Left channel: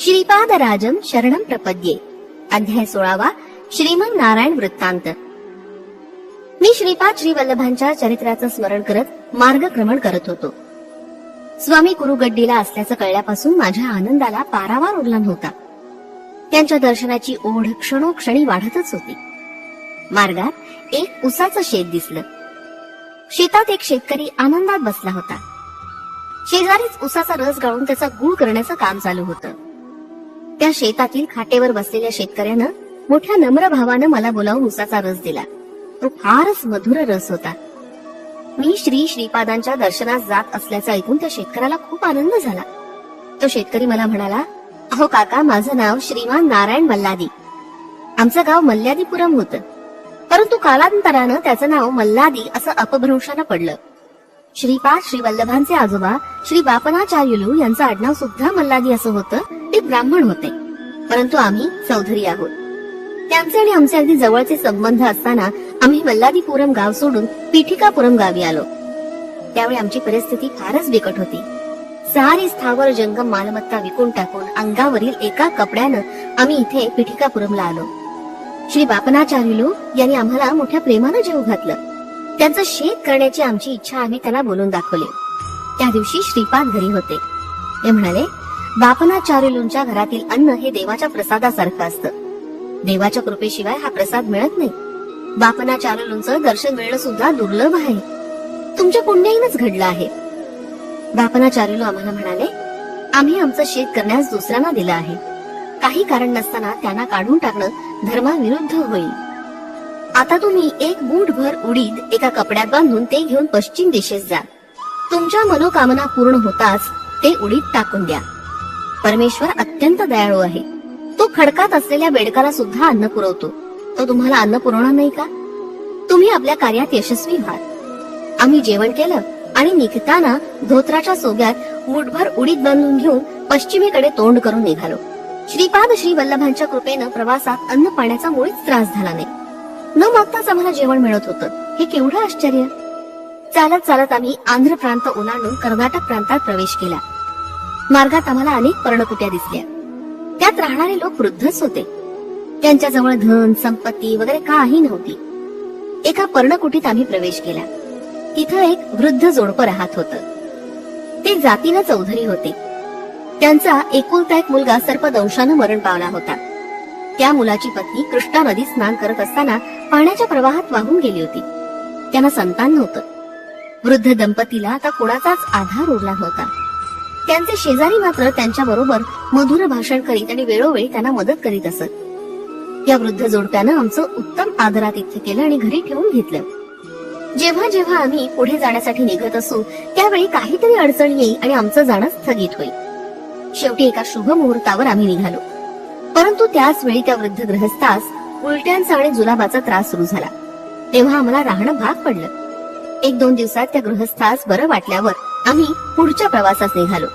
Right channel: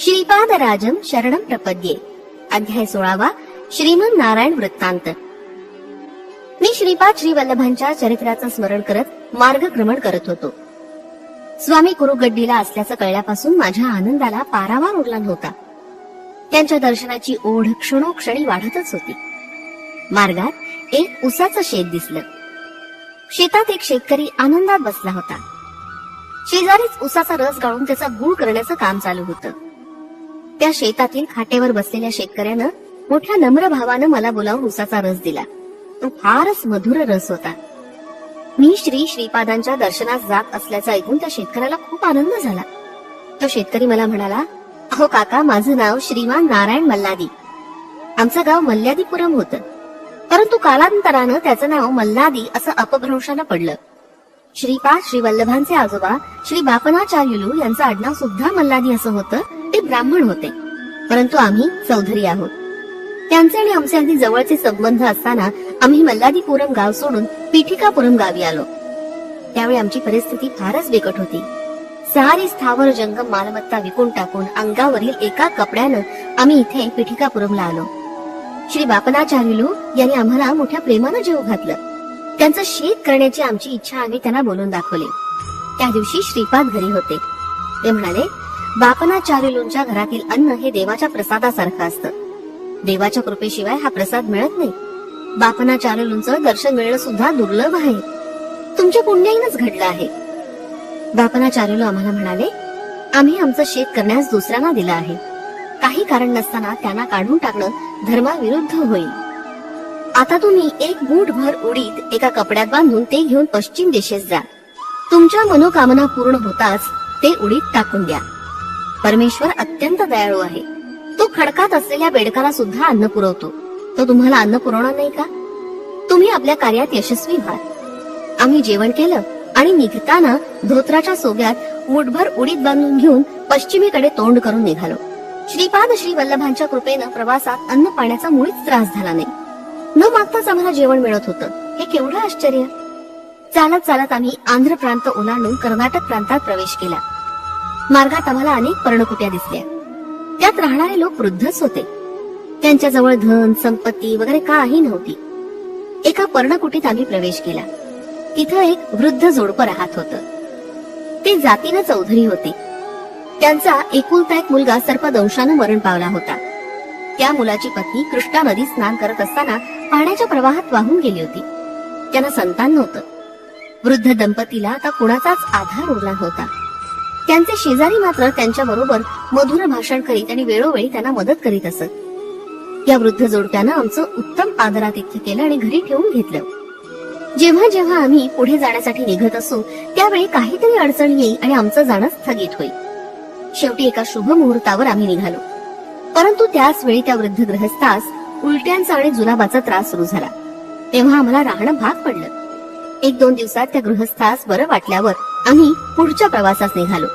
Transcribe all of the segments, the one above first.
श्रीपाद राजम शरणम प्रपद्ये अध्याय सोळावा श्रीमन नारायण वृत्तांत मी श्रीपाद श्री वल्लभांच्या चरित्राचं स्मरण करत मार्गक्रमण करत होतो स्वामी कुरुगड्डीला असल्याचं कळल्यापासून माझ्या आनंदाला पारावार उरला नव्हता त्यांच्या दर्शनाची ओढ क्षणोक्षणी वाढतच होती मार्गात एक उसाचं शेत दिसलं शेतात एक शेतकरी आनंदात बसला होता शेजारीच उसाचा रस गाळून त्याचा गुळ करण्याचं काम चालू होतं त्या शेतातील खाटेवर बसलेल्या शेतकऱ्यानं मोठ्या नम्र भावानं मला बोलावून उसाचा रस दिला तो फारच मधुर रस होता मी श्री श्रीपादांच्या दर्शनास जात असल्याचं ऐकून त्या शेतकऱ्याला खूप आनंद झाला तो शेतकरी मला म्हणाला अहो काका माझं नाव श्रीमान नारायण मल्लादी आमचं गाव मल्लादीपुरम होत परंतु कालांतरानं त्याचं नाव मल्लादी असं अपभ्रंशानं पडलं श्रीपाद श्री वल्लभांचे आजोबा श्री बापनाचार्युलू यांचं आडनाव सुद्धा मल्लादी असं होतं ते ब्राह्मण होते परंतु आम्ही चौधरी आहोत त्यांचे आणि आमचे अगदी जवळचे संबंध असताना आम्ही पुरम गाव सोडून पीठिकापुरम गावी आलो त्यावेळी आमची परिस्थिती फारच बिकट होती सहारी स्थावर जंगम मालमत्ता विकून टाकून अंगावरील एका कपड्यानं आम्ही इथे पीठिकापुरमला आलो श्री बापनाचार्युलू यांनी आम्हाला मोठ्या प्रेमानं जेव घातलं त्यांचं शेत करण्याची आमची इच्छा आम्ही त्यांना बोलून दाखवली त्या दिवशी श्रीपाद घरी होते ते म्हणाले बापना घरातील अन्न हे देवाच्या प्रसादासारखं असतं देवाच्या कृपेशिवाय हा प्रसाद मिळत नाही बापना दर्शन मिळणं सुद्धा दुर्लभ आहे तुमच्या पुण्याईनच घडलं आहे बापना आम्हाला म्हणाले आम्ही आमचं शेत करण्यास दुसऱ्यांना दिलं आहे काही कारण नसताना त्यांना काढून टाकणं धर्माविरुद्ध होईल आता तुम्ही एक बूट भर उडीद एका कपड्यात बांधून ते घेऊन पश्चिम दिशेस जा तुमच्या मनोकामना पूर्ण होताच ते उडीत टाकून द्या परमेश्वर अत्यंत दयाळू आहे तो खडकात असलेल्या बेडकाला सुद्धा अन्न पुरवतो तो तुम्हाला अन्न पुरवणार नाही का तुम्ही आपल्या कार्यात यशस्वी व्हाल आम्ही जेवण केलं आणि निघताना धोत्राच्या सोग्यात मुठभर उडीत बांधून घेऊन पश्चिमेकडे तोंड करून निघालो श्रीपाद श्री वल्लभांच्या कृपेनं प्रवासात अन्न पाण्याचा मुळीच त्रास झाला नाही न मागताच आम्हाला जेवण मिळत होतं हे केवढं आश्चर्य चालत चालत आम्ही आंध्र प्रांत ओलांडून कर्नाटक प्रांतात प्रवेश केला मार्गात आम्हाला अनेक पर्णकुट्या दिसल्या त्यात राहणारे लोक वृद्धच होते त्यांच्याजवळ धन संपत्ती वगैरे काही नव्हती एका पर्णकुटीत आम्ही प्रवेश केला तिथं एक वृद्ध जोडपं राहत होत ते जातीनं चौधरी होते त्यांचा एकुलता एक मुलगा सर्पदंशानं मरण पावला होता त्या मुलाची पत्नी कृष्णा नदी स्नान करत असताना पाण्याच्या प्रवाहात वाहून गेली होती त्यांना संतान नव्हतं वृद्ध दंपतीला आता कोणाचाच आधार उरला होता त्यांचे शेजारी मात्र त्यांच्या बरोबर मधुर भाषण करीत आणि वेळोवेळी त्यांना मदत करीत असत या वृद्ध जोडप्यानं आमचं उत्तम आदरात इथे केलं आणि घरी ठेवून घेतलं जेव्हा जेव्हा आम्ही पुढे जाण्यासाठी निघत असू त्यावेळी काहीतरी अडचण येईल आणि आमचं जाणं स्थगित होईल शेवटी एका शुभ मुहूर्तावर आम्ही निघालो परंतु त्याच वेळी त्या वृद्ध ग्रहस्थास उलट्यांचा आणि जुलाबाचा त्रास सुरू झाला तेव्हा आम्हाला राहणं भाग पडलं एक दोन दिवसात त्या गृहस्थास बरं वाटल्यावर आम्ही पुढच्या प्रवासास निघालो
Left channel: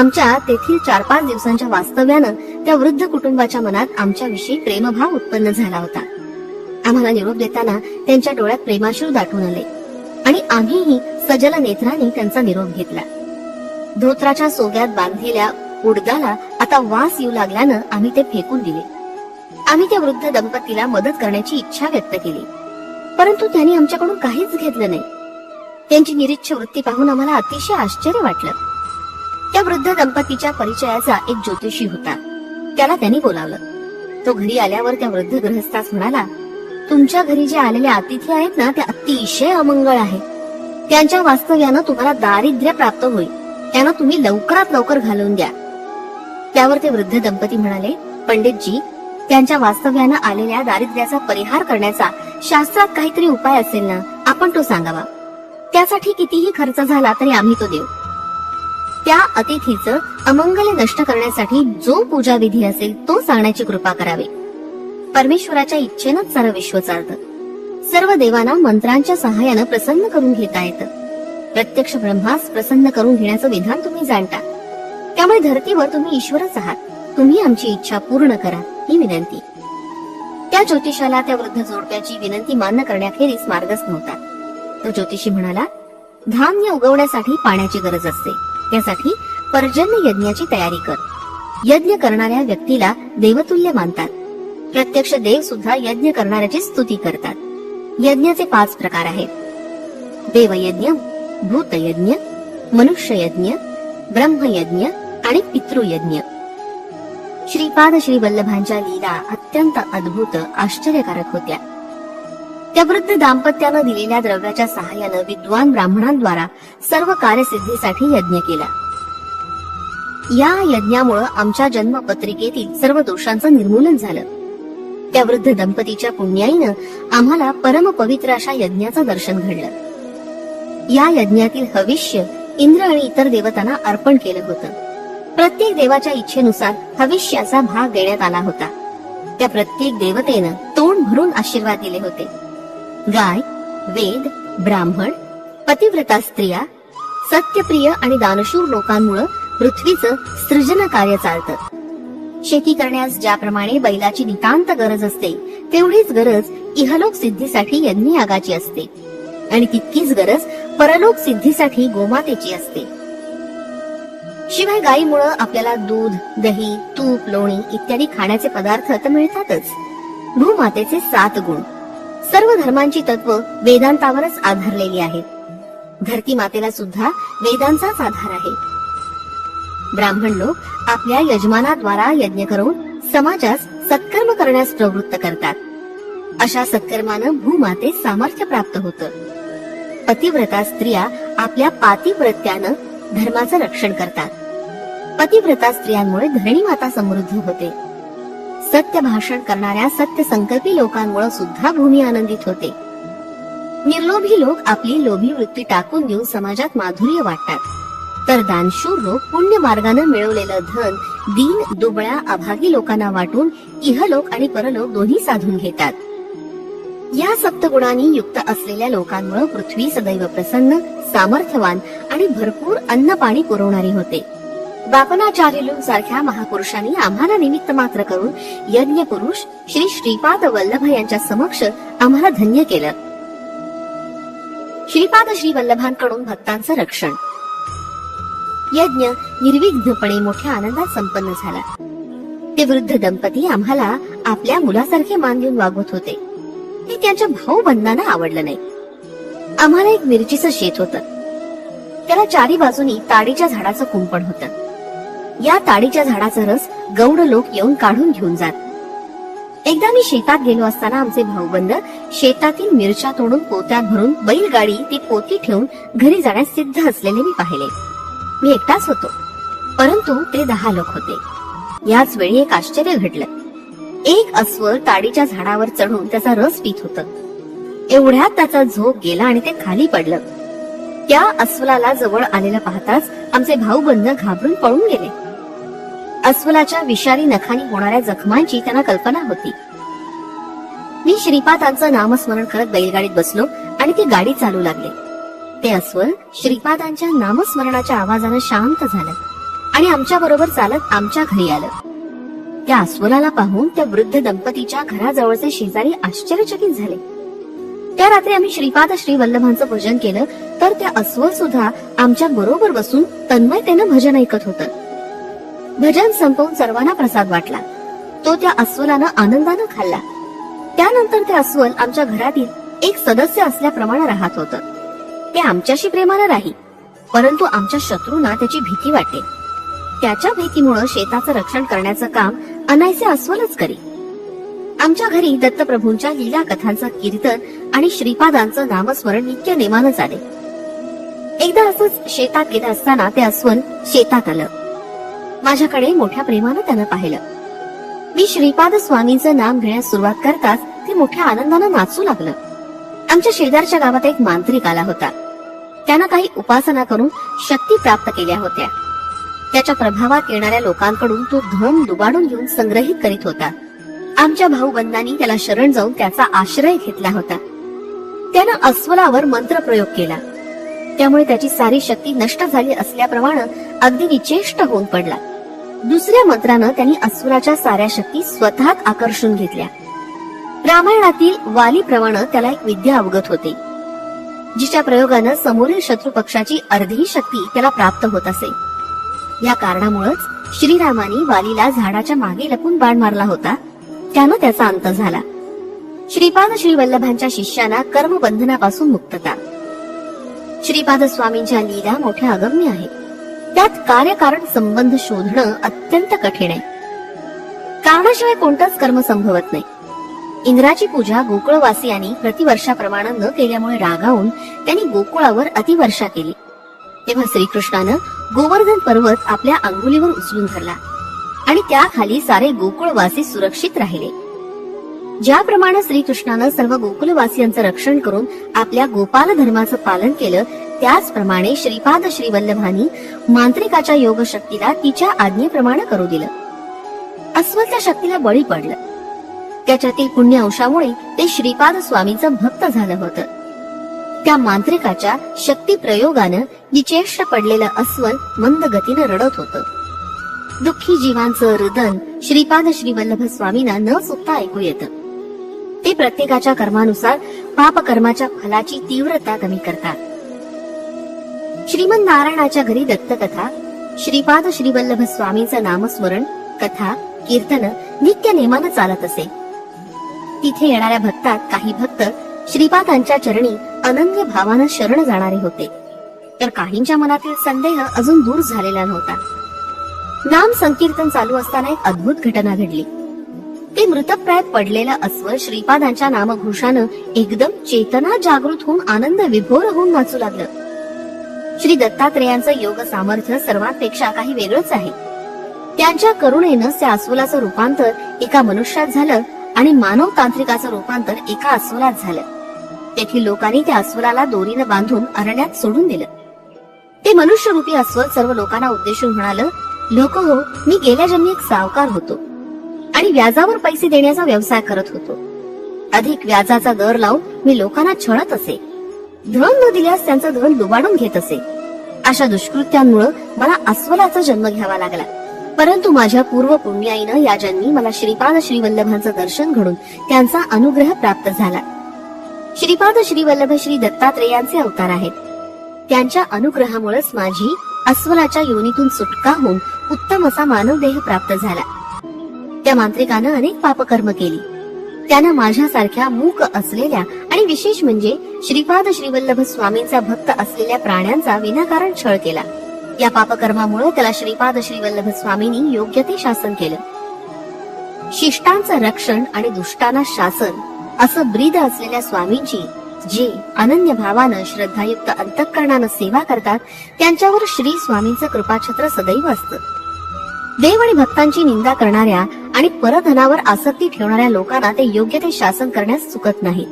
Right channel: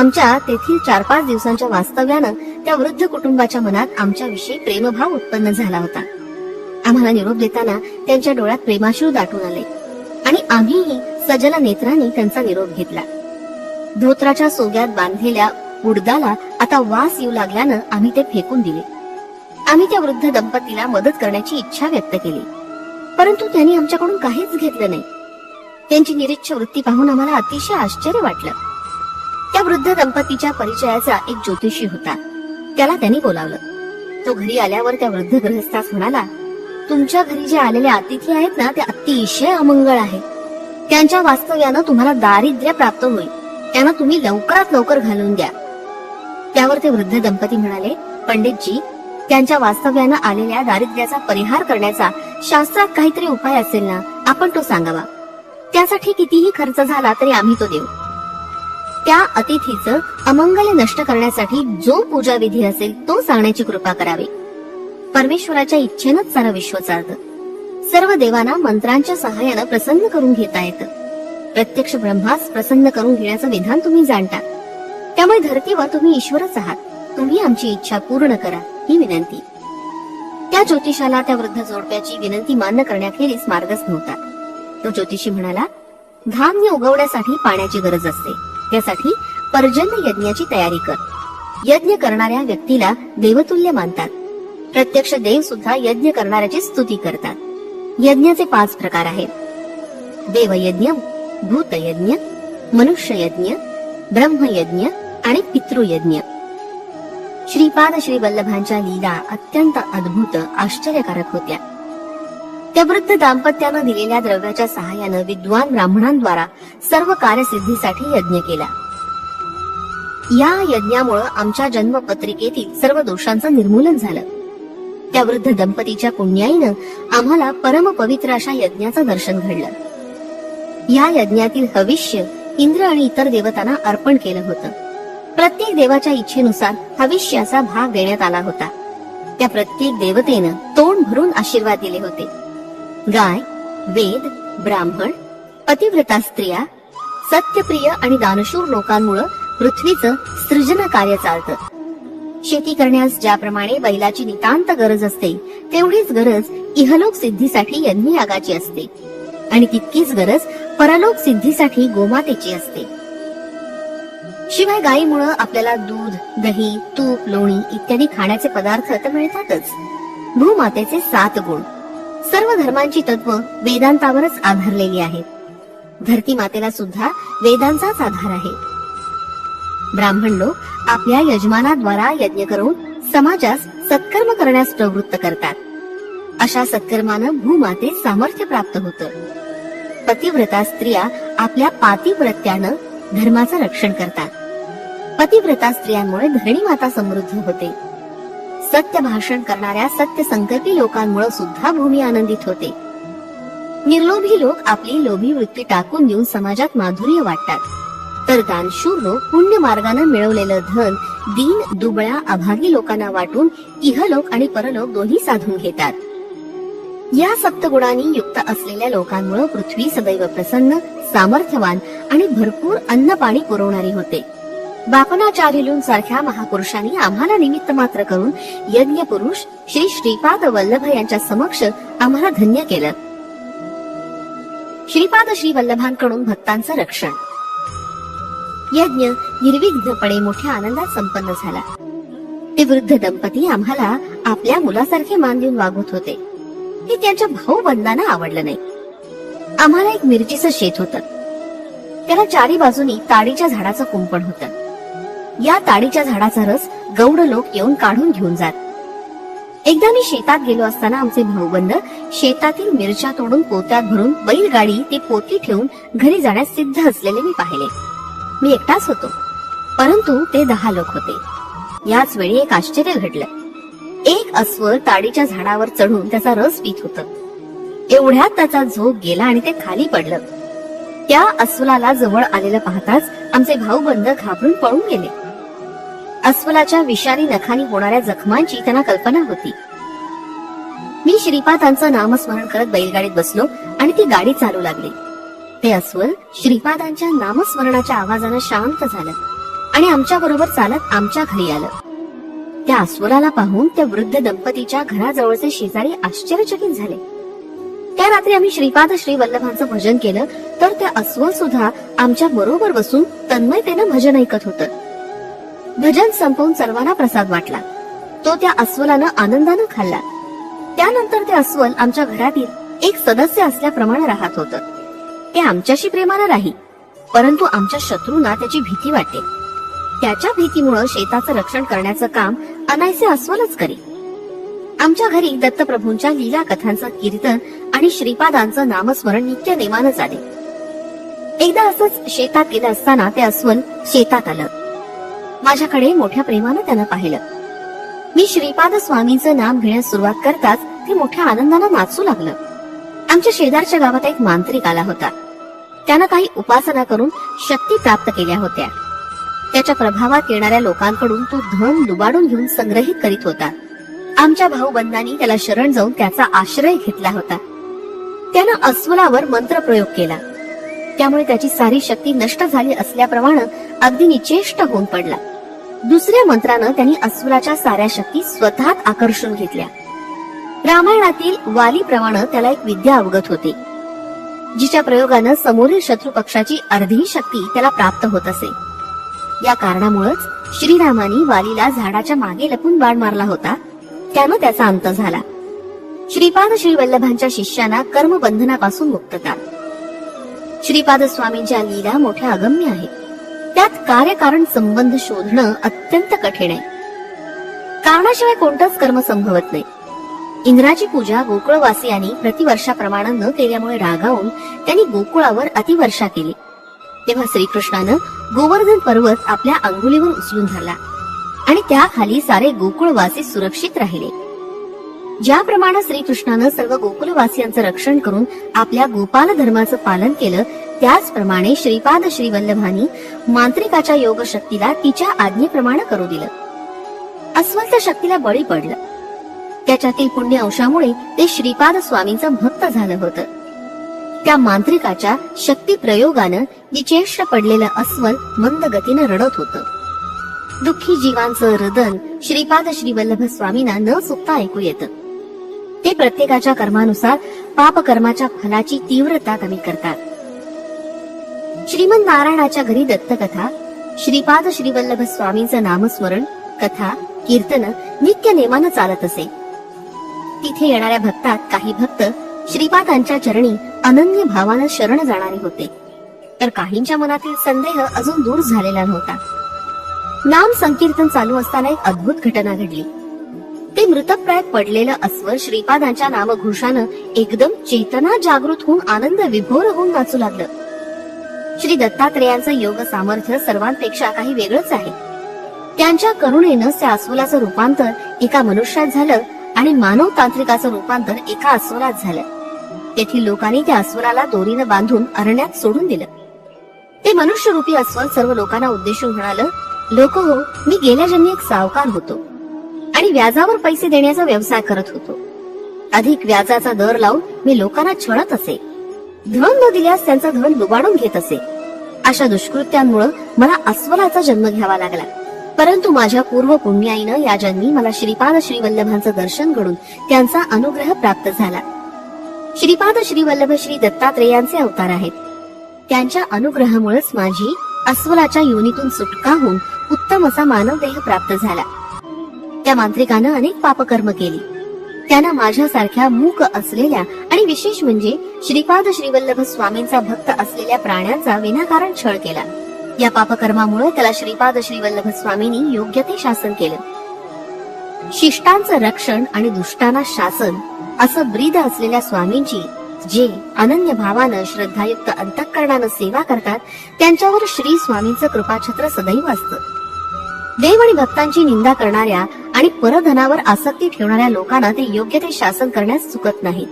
आमच्या तेथील चार पाच दिवसांच्या वास्तव्यानं त्या वृद्ध कुटुंबाच्या मनात आमच्याविषयी प्रेमभाव उत्पन्न झाला होता आम्हाला निरोप देताना त्यांच्या डोळ्यात प्रेमाश्रू दाटून आले आणि आम्हीही सजल नेत्रांनी त्यांचा निरोप घेतला धोत्राच्या सोग्यात बांधलेल्या उडदाला आता वास येऊ लागल्यानं आम्ही ते फेकून दिले आम्ही त्या वृद्ध दंपतीला मदत करण्याची इच्छा व्यक्त केली परंतु त्यांनी आमच्याकडून काहीच घेतलं नाही त्यांची निरीच्छ वृत्ती पाहून आम्हाला अतिशय आश्चर्य वाटलं त्या वृद्ध दंपतीच्या परिचयाचा एक ज्योतिषी होता त्याला त्यांनी बोलावलं तो घरी आल्यावर त्या वृद्ध ग्रहस्थास म्हणाला तुमच्या घरी जे आलेले अतिथी आहेत ना ते अतिशय अमंगळ आहेत त्यांच्या वास्तव्यानं तुम्हाला दारिद्र्य प्राप्त होईल त्यांना तुम्ही लवकरात लवकर घालवून द्या त्यावर ते वृद्ध दंपती म्हणाले पंडितजी त्यांच्या वास्तव्यानं आलेल्या दारिद्र्याचा परिहार करण्याचा शास्त्रात काहीतरी उपाय असेल ना आपण तो सांगावा त्यासाठी कितीही खर्च झाला तरी आम्ही तो देऊ त्या अतिथीचं अमंगल नष्ट करण्यासाठी जो पूजा विधी असेल तो सांगण्याची कृपा करावी परमेश्वराच्या इच्छेनंच सारा विश्व चालत सर्व देवांना मंत्रांच्या सहाय्यानं प्रसन्न करून घेता येतं प्रत्यक्ष ब्रह्मास प्रसन्न करून घेण्याचं विधान तुम्ही जाणता त्यामुळे धरतीवर तुम्ही ईश्वरच आहात तुम्ही आमची इच्छा पूर्ण करा ही विनंती त्या ज्योतिषाला त्या वृद्ध जोडप्याची विनंती मान्य करण्याखेरीस मार्गच नव्हता तो ज्योतिषी म्हणाला धान्य उगवण्यासाठी पाण्याची गरज असते त्यासाठी पर्जन्य यज्ञाची तयारी कर यज्ञ करणाऱ्या व्यक्तीला देवतुल्य मानतात प्रत्यक्ष देव सुद्धा यज्ञ करणाऱ्याची स्तुती करतात यज्ञाचे पाच प्रकार आहेत देवयज्ञ भूतयज्ञ मनुष्ययज्ञ ब्रह्मयज्ञ आणि पितृयज्ञ श्रीपाद श्री वल्लभांच्या लीला अत्यंत अद्भुत आश्चर्यकारक होत्या त्या वृद्ध दाम्पत्यानं दिलेल्या द्रव्याच्या सहाय्यानं विद्वान ब्राह्मणांद्वारा सर्व कार्यसिद्धीसाठी यज्ञ केला या यज्ञामुळे आमच्या जन्मपत्रिकेतील सर्व दोषांचं निर्मूलन झालं त्या वृद्ध दंपतीच्या पुण्याईनं आम्हाला परम पवित्र अशा यज्ञाचं दर्शन घडलं या यज्ञातील हविष्य इंद्र आणि इतर देवतांना अर्पण केलं होतं प्रत्येक देवाच्या इच्छेनुसार भविष्याचा भाग देण्यात आला होता त्या प्रत्येक देवतेनं तोंड भरून आशीर्वाद दिले होते गाय वेद ब्राह्मण पतिव्रता स्त्रिया सत्यप्रिय आणि दानशूर लोकांमुळे पृथ्वीचं सृजन कार्य चालतं शेती करण्यास ज्याप्रमाणे बैलाची नितांत गरज असते तेवढीच गरज इहलोक सिद्धीसाठी यज्ञयागाची असते आणि तितकीच गरज परलोक सिद्धीसाठी गोमातेची असते शिवाय गायीमुळं आपल्याला दूध दही तूप लोणी इत्यादी खाण्याचे पदार्थ तर मिळतातच भूमातेचे सात गुण सर्व धर्मांची तत्व वेदांतावरच आधारलेली आहेत धरती मातेला सुद्धा वेदांचाच आधार आहे ब्राह्मण लोक आपल्या यजमानाद्वारा यज्ञ करून समाजास सत्कर्म करण्यास प्रवृत्त करतात अशा सत्कर्मानं भूमाते सामर्थ्य प्राप्त होतं पतिव्रता स्त्रिया आपल्या पातिव्रत्यानं धर्माचं रक्षण करतात पतिव्रता स्त्रियांमुळे धरणी माता समृद्ध होते सत्य भाषण करणाऱ्या सत्य संकल्पी लोकांमुळे सुद्धा भूमी आनंदित होते निर्लोभी लोक आपली लोभी वृत्ती टाकून देऊन समाजात माधुर्य वाटतात तर दानशूर लोक पुण्य मार्गाने मिळवलेलं धन दीन दुबळ्या अभागी लोकांना वाटून इहलोक आणि परलोक दोन्ही साधून घेतात या सप्तगुणांनी युक्त असलेल्या लोकांमुळे पृथ्वी सदैव प्रसन्न सामर्थ्यवान आणि भरपूर अन्न पाणी पुरवणारी होते बापनाचार्यलून सारख्या महापुरुषांनी आम्हाला निमित्त मात्र करून यज्ञ पुरुष श्री श्रीपाद वल्लभ यांच्या समक्ष आम्हाला धन्य केलं श्रीपाद श्री वल्लभांकडून भक्तांचं रक्षण यज्ञ निर्विघ्नपणे मोठ्या आनंदात संपन्न झाला ते वृद्ध दंपती आम्हाला आपल्या मुलासारखे मान देऊन वागवत होते ते त्याच्या भाऊ बंधांना आवडलं नाही आम्हाला एक मिरचीचं शेत होतं त्याला चारी बाजूनी ताडीच्या झाडाचं कुंपट होत या ताडीच्या झाडाचा रस गौड लोक येऊन काढून घेऊन जात एकदा मी शेतात गेलो असताना आमचे भाऊबंद शेतातील मिरच्या तोडून पोत्यात भरून बैलगाडी ती पोती ठेवून घरी जाण्यास सिद्ध असलेले मी पाहिले मी एकटाच होतो परंतु ते दहा लोक होते याच वेळी एक आश्चर्य घडलं एक अस्व ताडीच्या झाडावर चढून त्याचा रस पित होत एवढ्यात त्याचा झोप गेला आणि ते खाली पडलं त्या अस्वलाला जवळ आलेलं पाहताच आमचे भाऊ बंद घाबरून पळून गेले अस्वलाच्या विषारी नखानी होणाऱ्या जखमांची त्यांना कल्पना होती मी श्रीपादांचं नामस्मरण करत बैलगाडीत बसलो आणि ती गाडी चालू लागली ते अस्वल श्रीपादांच्या नामस्मरणाच्या आवाजानं शांत झालं आणि आमच्या बरोबर चालत आमच्या घरी आलं त्या अस्वलाला पाहून त्या वृद्ध दंपतीच्या घराजवळचे शेजारी आश्चर्यचकित झाले त्या रात्री आम्ही श्रीपाद श्री वल्लभांचं भजन केलं तर त्या अस्वल सुद्धा आमच्या बरोबर बसून तन्मयतेनं भजन ऐकत होत भजन संपवून सर्वांना प्रसाद वाटला तो त्या अस्वलानं आनंदानं खाल्ला त्यानंतर ते अस्वल आमच्या घरातील एक सदस्य असल्याप्रमाणे राहत होत ते आमच्याशी प्रेमानं राही परंतु आमच्या शत्रूंना त्याची भीती वाटते त्याच्या भीतीमुळं शेताचं रक्षण करण्याचं काम अनायसे अस्वलच करी आमच्या घरी दत्तप्रभूंच्या लीला कथांचं कीर्तन आणि श्रीपादांचं नामस्मरण नित्य नेमानच झाले एकदा असंच शेतात गेलं असताना ते अस्वल शेतात आलं माझ्याकडे मोठ्या प्रेमानं त्यानं पाहिलं मी श्रीपाद स्वामींचं नाम घेण्यास सुरुवात करताच ते मोठ्या आनंदानं नाचू लागलं आमच्या शेजारच्या गावात एक मांत्रिक आला होता त्यानं काही उपासना करून शक्ती प्राप्त केल्या होत्या त्याच्या प्रभावात येणाऱ्या लोकांकडून तो धन दुबाडून घेऊन संग्रहित करीत होता आमच्या भाऊ भाऊबंधांनी त्याला शरण जाऊन त्याचा आश्रय घेतला होता त्यानं अस्वलावर प्रयोग केला त्यामुळे त्याची सारी शक्ती नष्ट झाली असल्याप्रमाणे अगदी निचेष्ट होऊन पडला दुसऱ्या मंत्रानं त्यांनी अस्वलाच्या साऱ्या शक्ती स्वतःत आकर्षून घेतल्या रामायणातील वालीप्रमाणे त्याला एक विद्या अवगत होती जिच्या प्रयोगानं समोरील शत्रू पक्षाची अर्धी शक्ती त्याला प्राप्त होत असे या कारणामुळेच श्रीरामाने वालीला झाडाच्या मागे लपून बाण मारला होता त्यानं त्याचा अंत झाला श्रीपाद श्री वल्लभांच्या शिष्याना कर्मबंधनापासून मुक्तता श्रीपाद स्वामींच्या लीला मोठ्या अगम्य आहेत त्यात कार्यकारण संबंध शोधणं अत्यंत कठीण आहे कारणाशिवाय कोणतंच कर्म संभवत नाही इंद्राची पूजा गोकुळवासियांनी प्रतिवर्षाप्रमाणे न केल्यामुळे रागावून त्यांनी गोकुळावर अतिवर्षा केली तेव्हा श्रीकृष्णानं गोवर्धन पर्वत आपल्या अंगुलीवर उचलून धरला आणि त्याखाली सारे गोकुळवासी सुरक्षित राहिले ज्याप्रमाणे श्रीकृष्णानं सर्व गोकुळवासियांचं रक्षण करून आपल्या गोपाल धर्माचं पालन केलं त्याचप्रमाणे श्रीपाद श्रीवल्लभानी मांत्रिकाच्या योग शक्तीला तिच्या आज्ञेप्रमाणे करू दिलं अस्वस्थ शक्तीला बळी पडलं त्याच्यातील पुण्य अंशामुळे ते श्रीपाद स्वामींचं भक्त झालं होतं त्या मांत्रिकाच्या शक्ती प्रयोगानं निचेष्ट पडलेलं अस्वल मंद गतीने रडत होतं दुःखी जीवांचं रदन श्रीपाद श्री स्वामींना न चुकता ऐकू येत ते प्रत्येकाच्या कर्मानुसार पाप कर्माच्या फलाची तीव्रता कमी करतात श्रीमद नारायणाच्या घरी दत्तकथा श्रीपाद श्रीवल्लभ स्वामींचं नामस्मरण कथा कीर्तन नित्य नेमानं चालत असे तिथे येणाऱ्या भक्तात काही भक्त श्रीपादांच्या चरणी अनन्य भावानं शरण जाणारे होते तर काहींच्या मनातील संदेह अजून दूर झालेला नव्हता नाम संकीर्तन चालू असताना एक अद्भुत घटना घडली ते मृतप्रायात पडलेलं अस्व श्रीपादांच्या नामघोषानं एकदम चेतना जागृत होऊन आनंद विभोर होऊन नाचू लागलं श्री दत्तात्रेयांचं योग सामर्थ्य सर्वांपेक्षा काही वेगळंच आहे त्यांच्या करुणेनं त्या अस्वलाचं रूपांतर एका मनुष्यात झालं आणि मानव तांत्रिकाचं रूपांतर एका अस्वलात झालं तेथील लोकांनी त्या अस्वलाला दोरीनं बांधून अरण्यात सोडून दिलं ते मनुष्यरूपी अस्वल सर्व लोकांना उद्देशून म्हणाल लोक मी गेल्या जन्मी एक सावकार होतो आणि व्याजावर पैसे देण्याचा व्यवसाय करत होतो अधिक व्याजाचा दर लावून मी लोकांना छळत असे धन न दिल्यास त्यांचा धन दुबाडून घेत असे अशा दुष्कृत्यांमुळे मला अस्वलाचा जन्म घ्यावा लागला परंतु माझ्या पूर्व पुण्याईनं या जन्मी मला श्रीपाद श्रीवल्लभांचं दर्शन घडून त्यांचा अनुग्रह प्राप्त झाला श्रीपाद श्रीवल्लभ श्री दत्तात्रेयांचे अवतार आहेत त्यांच्या अनुग्रहामुळेच माझी अस्वलाच्या योनीतून सुटका होऊन उत्तम असा मानव देह प्राप्त झाला त्या मांत्रिकानं अनेक पापकर्म केली त्यानं माझ्यासारख्या मूक असलेल्या आणि विशेष म्हणजे श्रीपाद श्रीवल्लभ स्वामींचा भक्त असलेल्या प्राण्यांचा विनाकारण छळ केला या पापकर्मामुळे त्याला श्रीपाद श्रीवल्लभ स्वामींनी योग्य ते शासन केलं शिष्टांचं रक्षण आणि दुष्टांना शासन असं ब्रीद असलेल्या स्वामींची जी अनन्य भावानं श्रद्धायुक्त अंतकरणानं सेवा करतात त्यांच्यावर श्री स्वामींचं कृपाछत्र सदैव असत देव आणि भक्तांची निंदा करणाऱ्या आणि परधनावर आसक्ती ठेवणाऱ्या लोकांना ते योग्य ते शासन करण्यास चुकत नाही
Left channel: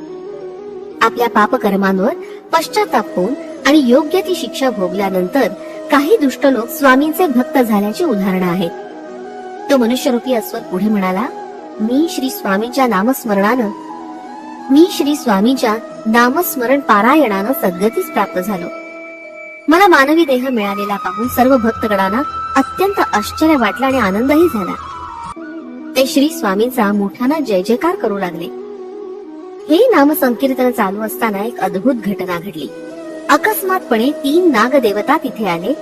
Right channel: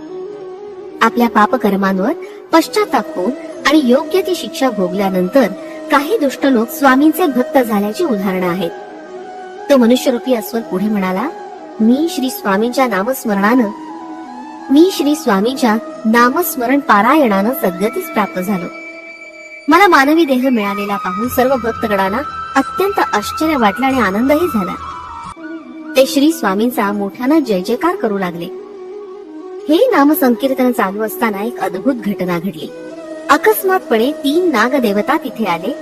आपल्या पापकर्मांवर पश्चाताप होऊन आणि योग्य ती शिक्षा भोगल्यानंतर काही दुष्ट लोक स्वामींचे भक्त झाल्याची उदाहरणं आहेत तो मनुष्यरूपी असून पुढे म्हणाला मी श्री स्वामींच्या नामस्मरणानं मी श्री स्वामीच्या नामस्मरण पारायणानं सद्गतीच प्राप्त झालो मला मानवी देह मिळालेला पाहून सर्व भक्तगणांना अत्यंत आश्चर्य वाटलं आणि आनंदही झाला ते श्री स्वामींचा मोठ्यानं जय जयकार करू लागले हे नामसंकीर्तन चालू असताना एक अद्भुत घटना घडली अकस्मातपणे तीन नाग देवता तिथे आले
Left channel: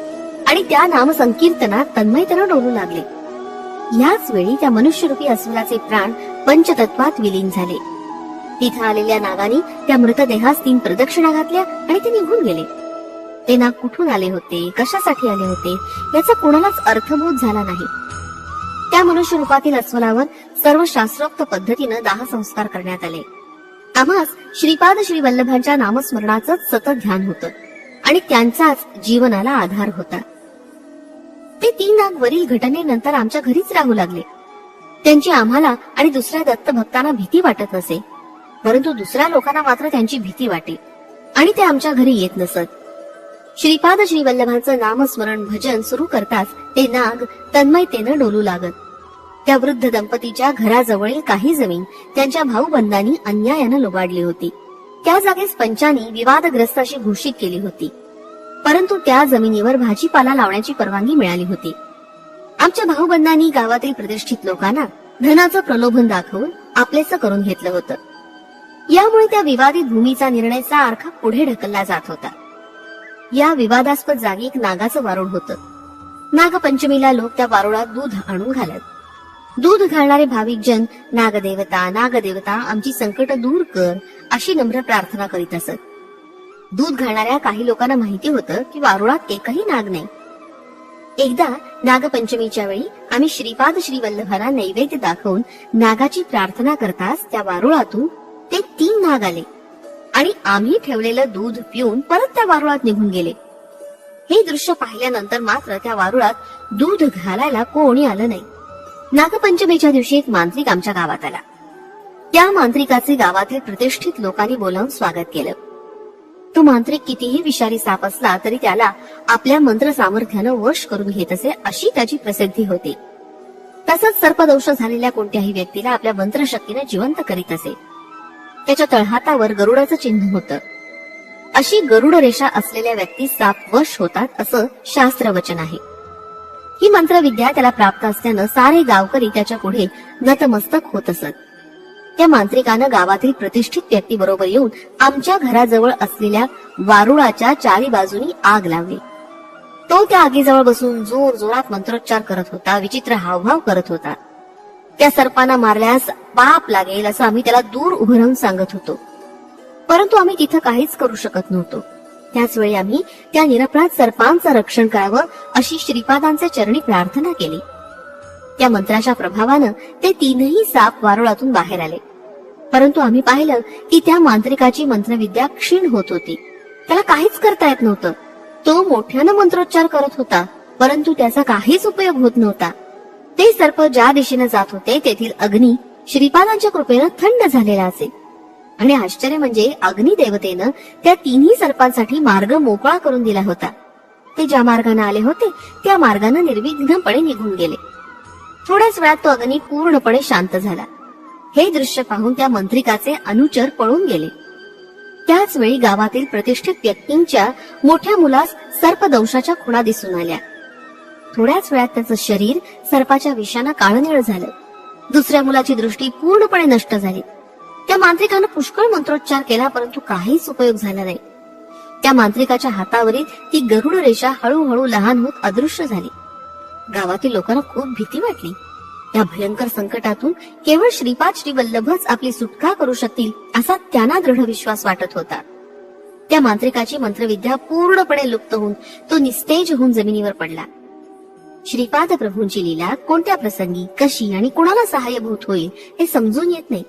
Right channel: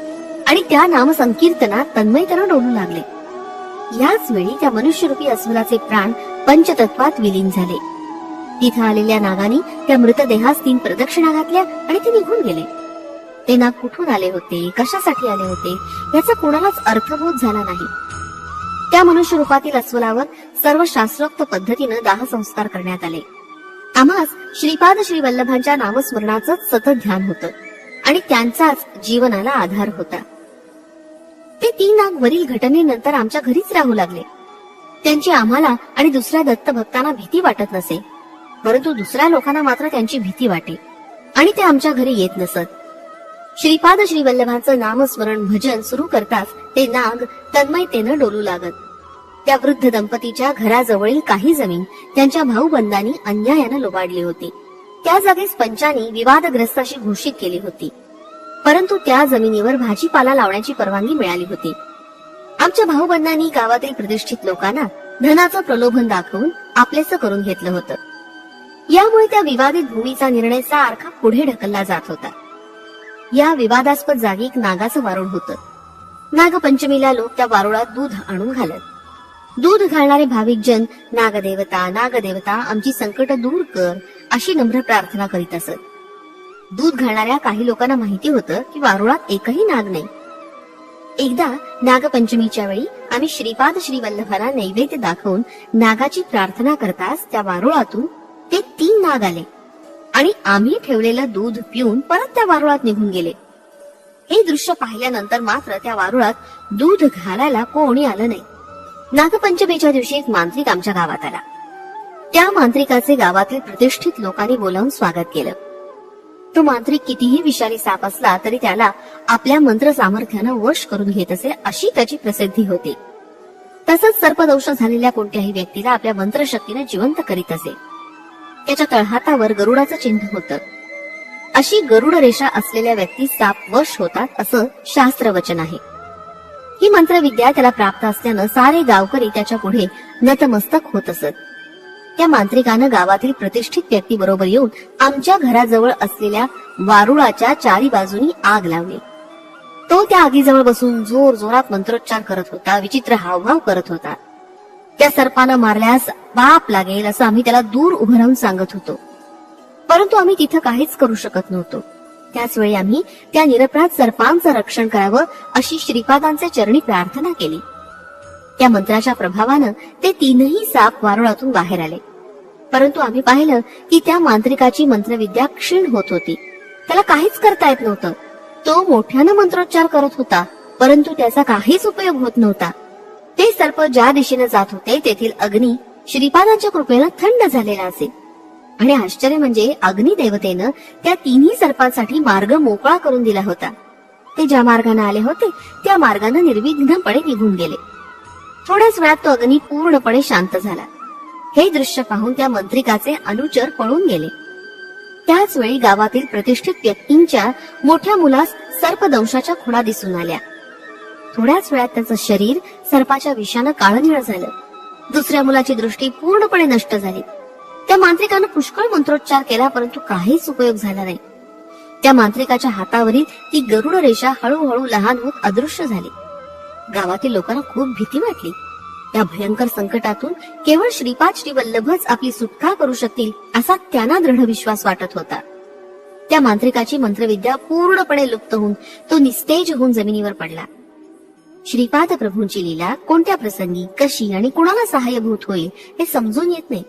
आणि त्या नामसंकीर्तनात तन्मयतेनं डोलू लागले याच वेळी त्या मनुष्यरूपी अस्वलाचे प्राण पंचतत्वात विलीन झाले तिथे आलेल्या नागाने त्या मृतदेहास तीन प्रदक्षिणा घातल्या आणि ते निघून गेले ते नाग कुठून आले होते कशासाठी आले होते याचा कोणालाच अर्थबोध झाला नाही त्या मनुष्य रूपातील अस्वलावर सर्व शास्त्रोक्त पद्धतीनं दाह संस्कार करण्यात आले आम्हास श्रीपाद श्री वल्लभांच्या नामस्मरणाचं सतत ध्यान होत आणि त्यांचाच जीवनाला आधार होता ते तीन नाग वरील घटनेनंतर आमच्या घरीच राहू लागले त्यांची आम्हाला आणि दुसऱ्या दत्त भक्तांना भीती वाटत नसे परंतु दुसऱ्या लोकांना मात्र त्यांची भीती वाटे आणि ते आमच्या घरी येत नसत श्रीपाद श्री नामस्मरण भजन सुरू करताच ते नाग तन्मयतेनं डोलू लागत त्या वृद्ध दंपतीच्या घराजवळील काही जमीन त्यांच्या भाऊबंधांनी अन्यायानं लुबाडली होती त्या जागेस पंचानी विवादग्रस्ताशी घोषित केली होती परंतु त्या जमिनीवर भाजीपाला लावण्याची परवानगी मिळाली होती आमच्या भाऊबंधांनी गावातील प्रतिष्ठित लोकांना धनाचं प्रलोभन दाखवून आपलेच करून घेतलं होतं यामुळे त्या विवादित भूमीचा निर्णयाचा सारखा पुढे ढकलला जात होता या विवादास्पद जागी एक नागाचं वारुळ होत नागपंचमीला लोक त्या वारुळात दूध आणून घालत दूध घालणारे भाविक जन नागदेवता नागदेवता आमची संकट दूर कर अशी नम्र प्रार्थना करीत असत दूध घालणाऱ्या काही लोकांना माहिती होतं की वारुळात एकही नाग नाही एकदा नागपंचमीच्या वेळी आम्ही श्रीपाद श्रीवल्लभाला नैवेद्य दाखवून नागाची प्रार्थना करताच त्या वारुळातून ते तीन भाग आले आणि आम्ही ठेवलेलं दूध पिऊन परत त्या वारुळात निघून गेले हे दृश्य पाहिल्यानंतर मात्र त्या वारुळात दूध घालायला कोणी आलं नाही नागपंचमीच्या दिवशी एक मांत्रिक आमच्या गावात आला त्या मांत्रिकाचे गावातील प्रतिष्ठित लोकांनी बोलावून स्वागत केलं तो मांत्रिक कितीही विषारी साप असला तरी त्याला आपल्या मंत्र सामर्थ्यानं वश करून घेत असे अशी त्याची प्रसिद्धी होती तसंच सर्पदंश झालेल्या कोणत्याही व्यक्तीला आपल्या मंत्रशक्तीनं जिवंत करीत असे त्याच्या तळहातावर गरुडाचं चिन्ह होत अशी गरुड रेषा असलेल्या व्यक्ती साप वश होतात असं शास्त्र वचन आहे ही मंत्र विद्या त्याला प्राप्त असल्यानं सारे गावकरी त्याच्या पुढे नतमस्तक होत असत त्या मांत्रिकानं गावातील प्रतिष्ठित व्यक्ती बरोबर येऊन आमच्या घराजवळ असलेल्या वारुळाच्या चारी बाजूनी आग लावली तो त्या आगीजवळ बसून जोर जोरात मंत्रोच्चार करत होता विचित्र हावभाव करत होता त्या सर्पांना मारल्यास बाप लागेल असं आम्ही त्याला दूर उभं राहून सांगत होतो परंतु आम्ही तिथं काहीच करू शकत नव्हतो त्याच वेळी आम्ही त्या निरपराध सर्पांचं रक्षण करावं अशी श्रीपादांच्या चरणी प्रार्थना केली त्या मंत्राच्या प्रभावानं ते तीनही साप वारुळातून बाहेर आले परंतु आम्ही पाहिलं की त्या मांत्रिकाची मंत्रविद्या क्षीण होत होती त्याला काहीच करता येत नव्हतं तो मोठ्यानं मंत्रोच्चार करत होता परंतु त्याचा काहीच उपयोग होत नव्हता ते सर्प ज्या दिशेने जात होते तेथील अग्नी श्रीपादांच्या कृपेनं थंड झालेला असे आणि आश्चर्य म्हणजे अग्निदेवतेनं त्या तिन्ही सर्पांसाठी मार्ग मोकळा करून दिला होता ते ज्या मार्गाने आले होते त्या मार्गाने निर्विघ्नपणे निघून गेले थोड्याच वेळात तो अग्नी पूर्णपणे शांत झाला हे दृश्य पाहून त्या मंत्रिकाचे अनुचर पळून गेले त्याच वेळी गावातील प्रतिष्ठित व्यक्तींच्या मोठ्या मुलास सर्पदंशाच्या खुणा दिसून आल्या थोड्याच वेळात त्याचं शरीर सर्पाच्या विषानं काळनिळ झालं दुसऱ्या मुलाची दृष्टी पूर्णपणे नष्ट झाली त्या मांत्रिकानं पुष्कळ मंत्रोच्चार केला परंतु काहीच उपयोग झाला नाही त्या मांत्रिकाच्या हातावरील ती गरुड रेषा हळूहळू लहान होत अदृश्य झाली गावातील लोकांना खूप भीती वाटली त्या भयंकर संकटातून केवळ श्रीपाद श्रीवल्लभच आपली सुटका करू शकतील असा त्यांना दृढ विश्वास वाटत होता त्या मांत्रिकाची मंत्रविद्या पूर्णपणे लुप्त होऊन तो निस्तेज होऊन जमिनीवर पडला श्रीपाद प्रभूंची लीला कोणत्या प्रसंगी कशी आणि कुणाला सहाय्यभूत होईल हे समजून येत नाही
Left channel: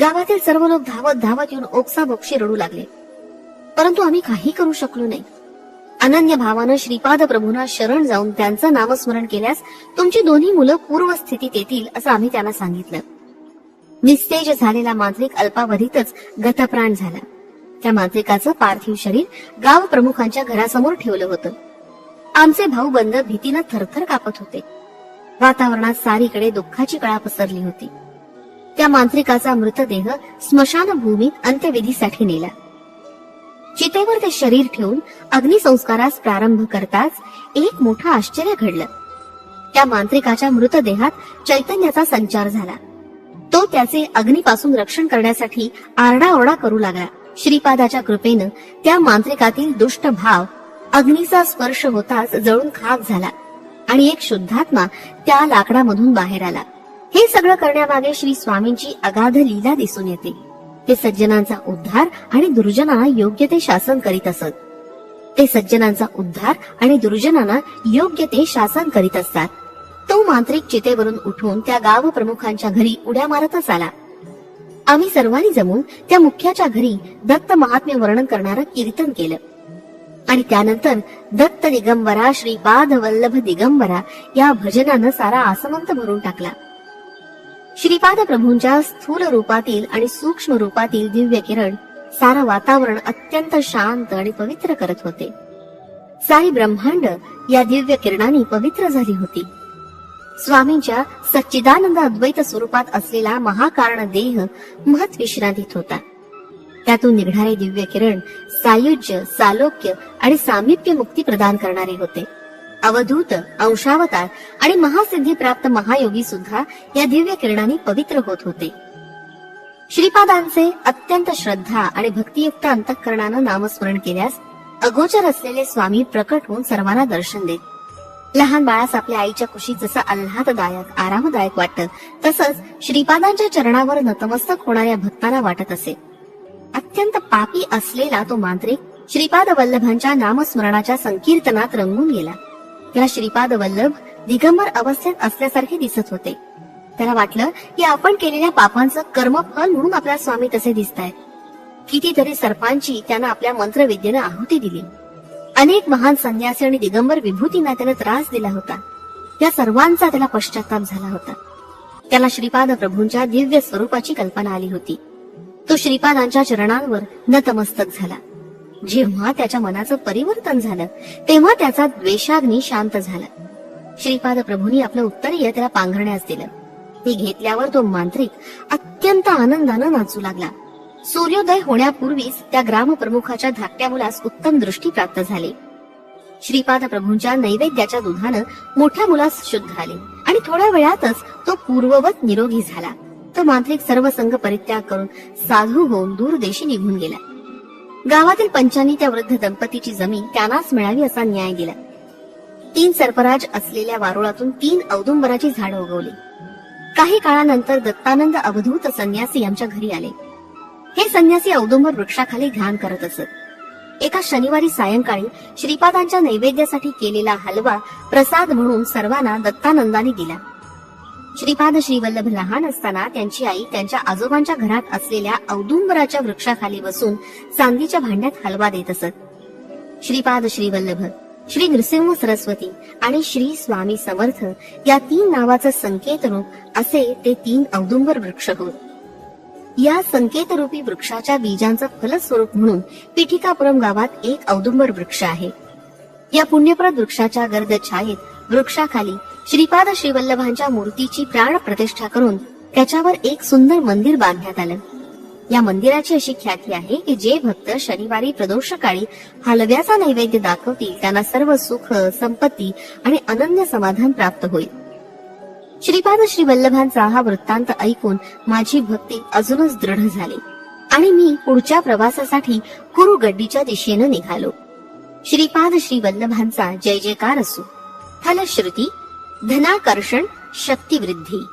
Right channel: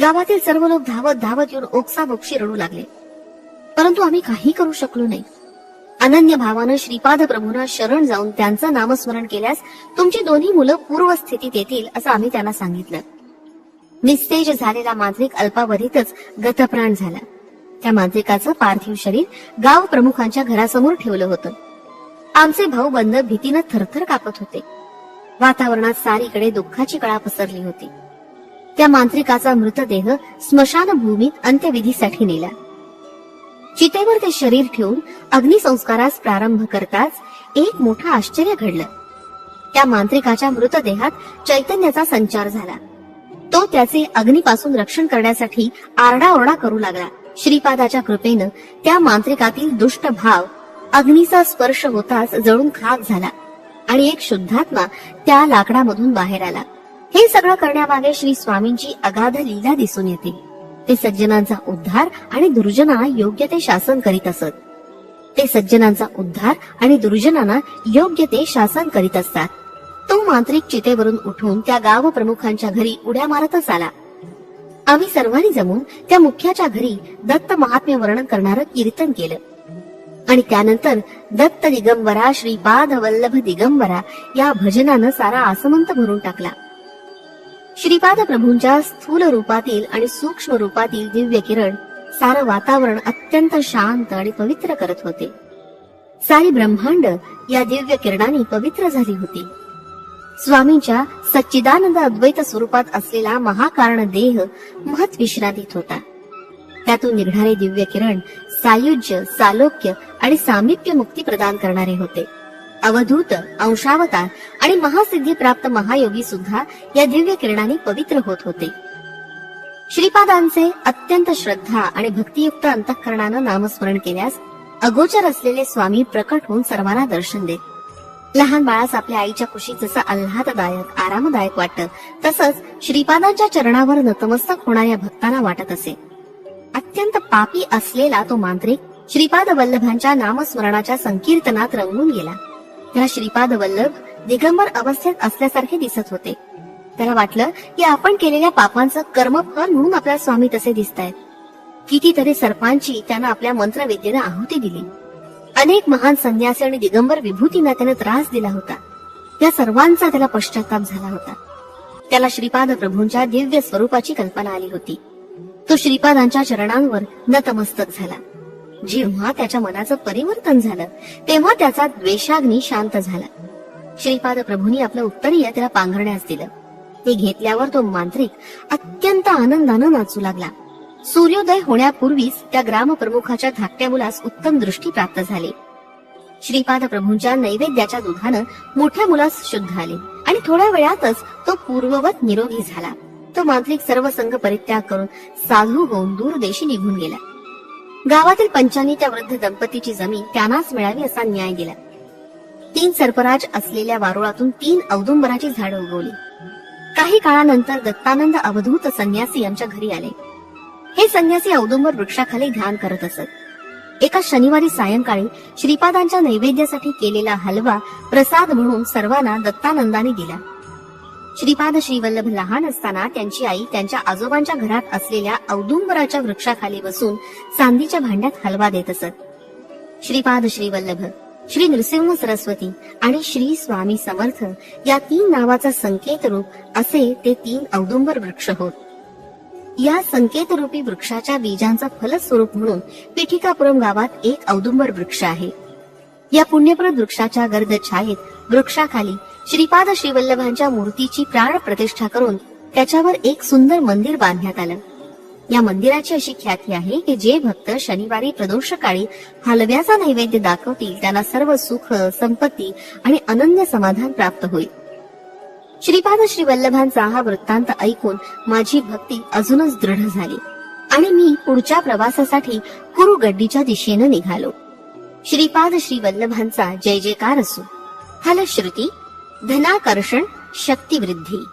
गावातील सर्व लोक धावत धावत येऊन ओक्सा बोक्षी रडू लागले परंतु आम्ही काही करू शकलो नाही अनन्य भावानं श्रीपाद प्रभूंना शरण जाऊन त्यांचं नामस्मरण केल्यास तुमची दोन्ही मुलं पूर्वस्थितीत येतील असं आम्ही त्यांना सांगितलं निस्तेज झालेला मांत्रिक अल्पावधीतच गतप्राण झाला त्या मांत्रिकाचं पार्थिव शरीर गाव प्रमुखांच्या घरासमोर ठेवलं होतं आमचे भाऊ बंद भीतीनं थरथर कापत होते वातावरणात सारीकडे दुःखाची कळा पसरली होती त्या मांत्रिकाचा मृतदेह स्मशान भूमीत अंत्यविधीसाठी नेला चितेवर ते शरीर ठेवून अग्निसंस्कारास प्रारंभ करताच एक मोठं आश्चर्य घडलं त्या मांत्रिकाच्या मृतदेहात चैतन्याचा संचार झाला तो त्याचे अग्नीपासून रक्षण करण्यासाठी आरडाओरडा करू लागला श्रीपादाच्या कृपेनं त्या मांत्रिकातील दुष्ट भाव अग्नीचा स्पर्श होताच जळून खाक झाला आणि एक शुद्धात्मा त्या लाकडामधून बाहेर आला हे सगळं करण्यामागे श्री स्वामींची अगाध लीला दिसून येते ते सज्जनांचा उद्धार आणि दुर्जना योग्य ते शासन करीत असत ते सज्जनांचा उद्धार आणि दुर्जनांना योग्य ते शासन करीत असतात तो मांत्रिक चितेवरून उठून त्या गाव प्रमुखांच्या घरी उड्या मारतच आला आम्ही सर्वांनी जमून त्या मुख्याच्या घरी दत्त महात्म्य वर्णन करणारं कीर्तन केलं आणि त्यानंतर दत्त दिगंबरा श्री बाध वल्लभ दिगंबरा या भजनानं सारा आसमंत भरून टाकला श्रीपाद प्रभूंच्या स्थूल रूपातील आणि सूक्ष्म रूपातील दिव्य किरण सारं वातावरण अत्यंत शांत आणि पवित्र करत होते सारी ब्रह्मांड या दिव्य किरणाने पवित्र झाली होती स्वामींच्या सच्चिदानंद अद्वैत स्वरूपात असलेला महाकारण देह महत होता त्यातून निघणारे दिव्य किरण सायुज्य सालोक्य आणि सामिप्य मुक्ती प्रदान करणारे होते अवधूत अंशावतार आणि महासिद्धी प्राप्त महायोगी सुद्धा या दिव्य किरणाने पवित्र होत होते श्रीपादांचे अत्यंत श्रद्धा आणि भक्तियुक्त अंतःकरणानं नामस्मरण केल्यास अगोचर असलेले स्वामी प्रकट होऊन सर्वांना दर्शन देत लहान बाळास आपल्या आईच्या कुशीत जसं आल्हाददायक आरामदायक वाटत तसंच श्रीपादांच्या चरणावर नतमस्तक होणाऱ्या भक्तांना वाटत असे अत्यंत पापी असलेला तो मांत्रिक श्रीपाद वल्लभांच्या नामस्मरणाच्या संकीर्तनात रंगून गेला त्या श्रीपाद वल्लभ दिगंबर अवस्थेत असल्यासारखे दिसत होते त्याला वाटलं की आपण केलेल्या पापांचं कर्मफल म्हणून आपल्या स्वामी तसे दिसत आहेत कितीतरी सर्पांची त्यांना आपल्या मंत्रविद्येनं आहुती दिली अनेक महान संन्यासी आणि दिगंबर विभूतींना त्यानं त्रास दिला होता त्या सर्वांचा त्याला पश्चाताप झाला होता त्याला श्रीपाद प्रभूंच्या दिव्य स्वरूपाची कल्पना आली होती तो श्रीपादांच्या चरणांवर नतमस्तक झाला जेव्हा त्याच्या मनाचं परिवर्तन झालं तेव्हा त्याचा द्वेषाग्नी शांत झाला श्रीपाद प्रभूंनी आपलं उत्तरीय त्याला पांघरण्यास दिलं ते घेतल्यावर तो मांत्रिक अत्यंत आनंदानं नाचू लागला सूर्योदय होण्यापूर्वीच त्या प्रमुखाच्या धाकट्या मुलास उत्तम दृष्टी प्राप्त झाली श्रीपाद प्रभूंच्या नैवेद्याच्या दुधानं मोठ्या मुलास शुद्ध आले आणि थोड्या वेळातच तो पूर्ववत निरोगी झाला तो मांत्रिक सर्व संघ परित्याग करून साधू होऊन दूरदेशी निघून गेला गावातील पंचांनी त्या वृद्ध दंपतीची जमीन त्यांनाच मिळावी असा न्याय दिला तीन सर्पराज असलेल्या वारुळातून तीन औदुंबराची झाड उगवली काही काळानंतर दत्तानंद अवधूत संन्यासी आमच्या घरी आले हे संन्यासी औदुंबर वृक्षाखाली ध्यान करत असत एका शनिवारी सायंकाळी श्रीपादांच्या नैवेद्यासाठी केलेला हलवा प्रसाद म्हणून सर्वांना दत्तानंदाने दिला श्रीपाद श्रीवल्लभ लहान असताना त्यांची आई त्यांच्या आजोबांच्या घरात असलेल्या औदुंबराच्या वृक्षाखाली बसून चांदीच्या भांड्यात हलवा देत असत श्रीपाद श्रीवल्लभ श्री नृसिंह सरस्वती आणि श्री स्वामी समर्थ या तीन नावाचा संकेत रूप असे ते तीन औदुंबर वृक्ष होत या संकेतरूपी वृक्षाच्या बीजांचा फलस्वरूप म्हणून पिठिकापुरम गावात एक औदुंबर वृक्ष आहे या पुण्यप्रद वृक्षाच्या गर्द छायेत वृक्षाखाली श्रीपाद श्रीवल्लभांच्या मूर्तीची प्राण प्रतिष्ठा करून त्याच्यावर एक सुंदर मंदिर बांधण्यात आलं या मंदिराची अशी ख्याती आहे की जे भक्त शनिवारी प्रदोषकाळी हलव्याचा नैवेद्य दाखवतील त्यांना सर्व सुख संपत्ती आणि अनन्य समाधान प्राप्त होईल श्रीपाद श्री वल्लभांचा हा वृत्तांत ऐकून माझी भक्ती अजूनच दृढ झाली आणि मी पुढच्या प्रवासासाठी कुरु गड्डीच्या दिशेनं निघालो श्रीपाद श्री वल्लभांचा जय जयकार असो हॅलो श्रुती धनाकर्षण शक्तिवृद्धी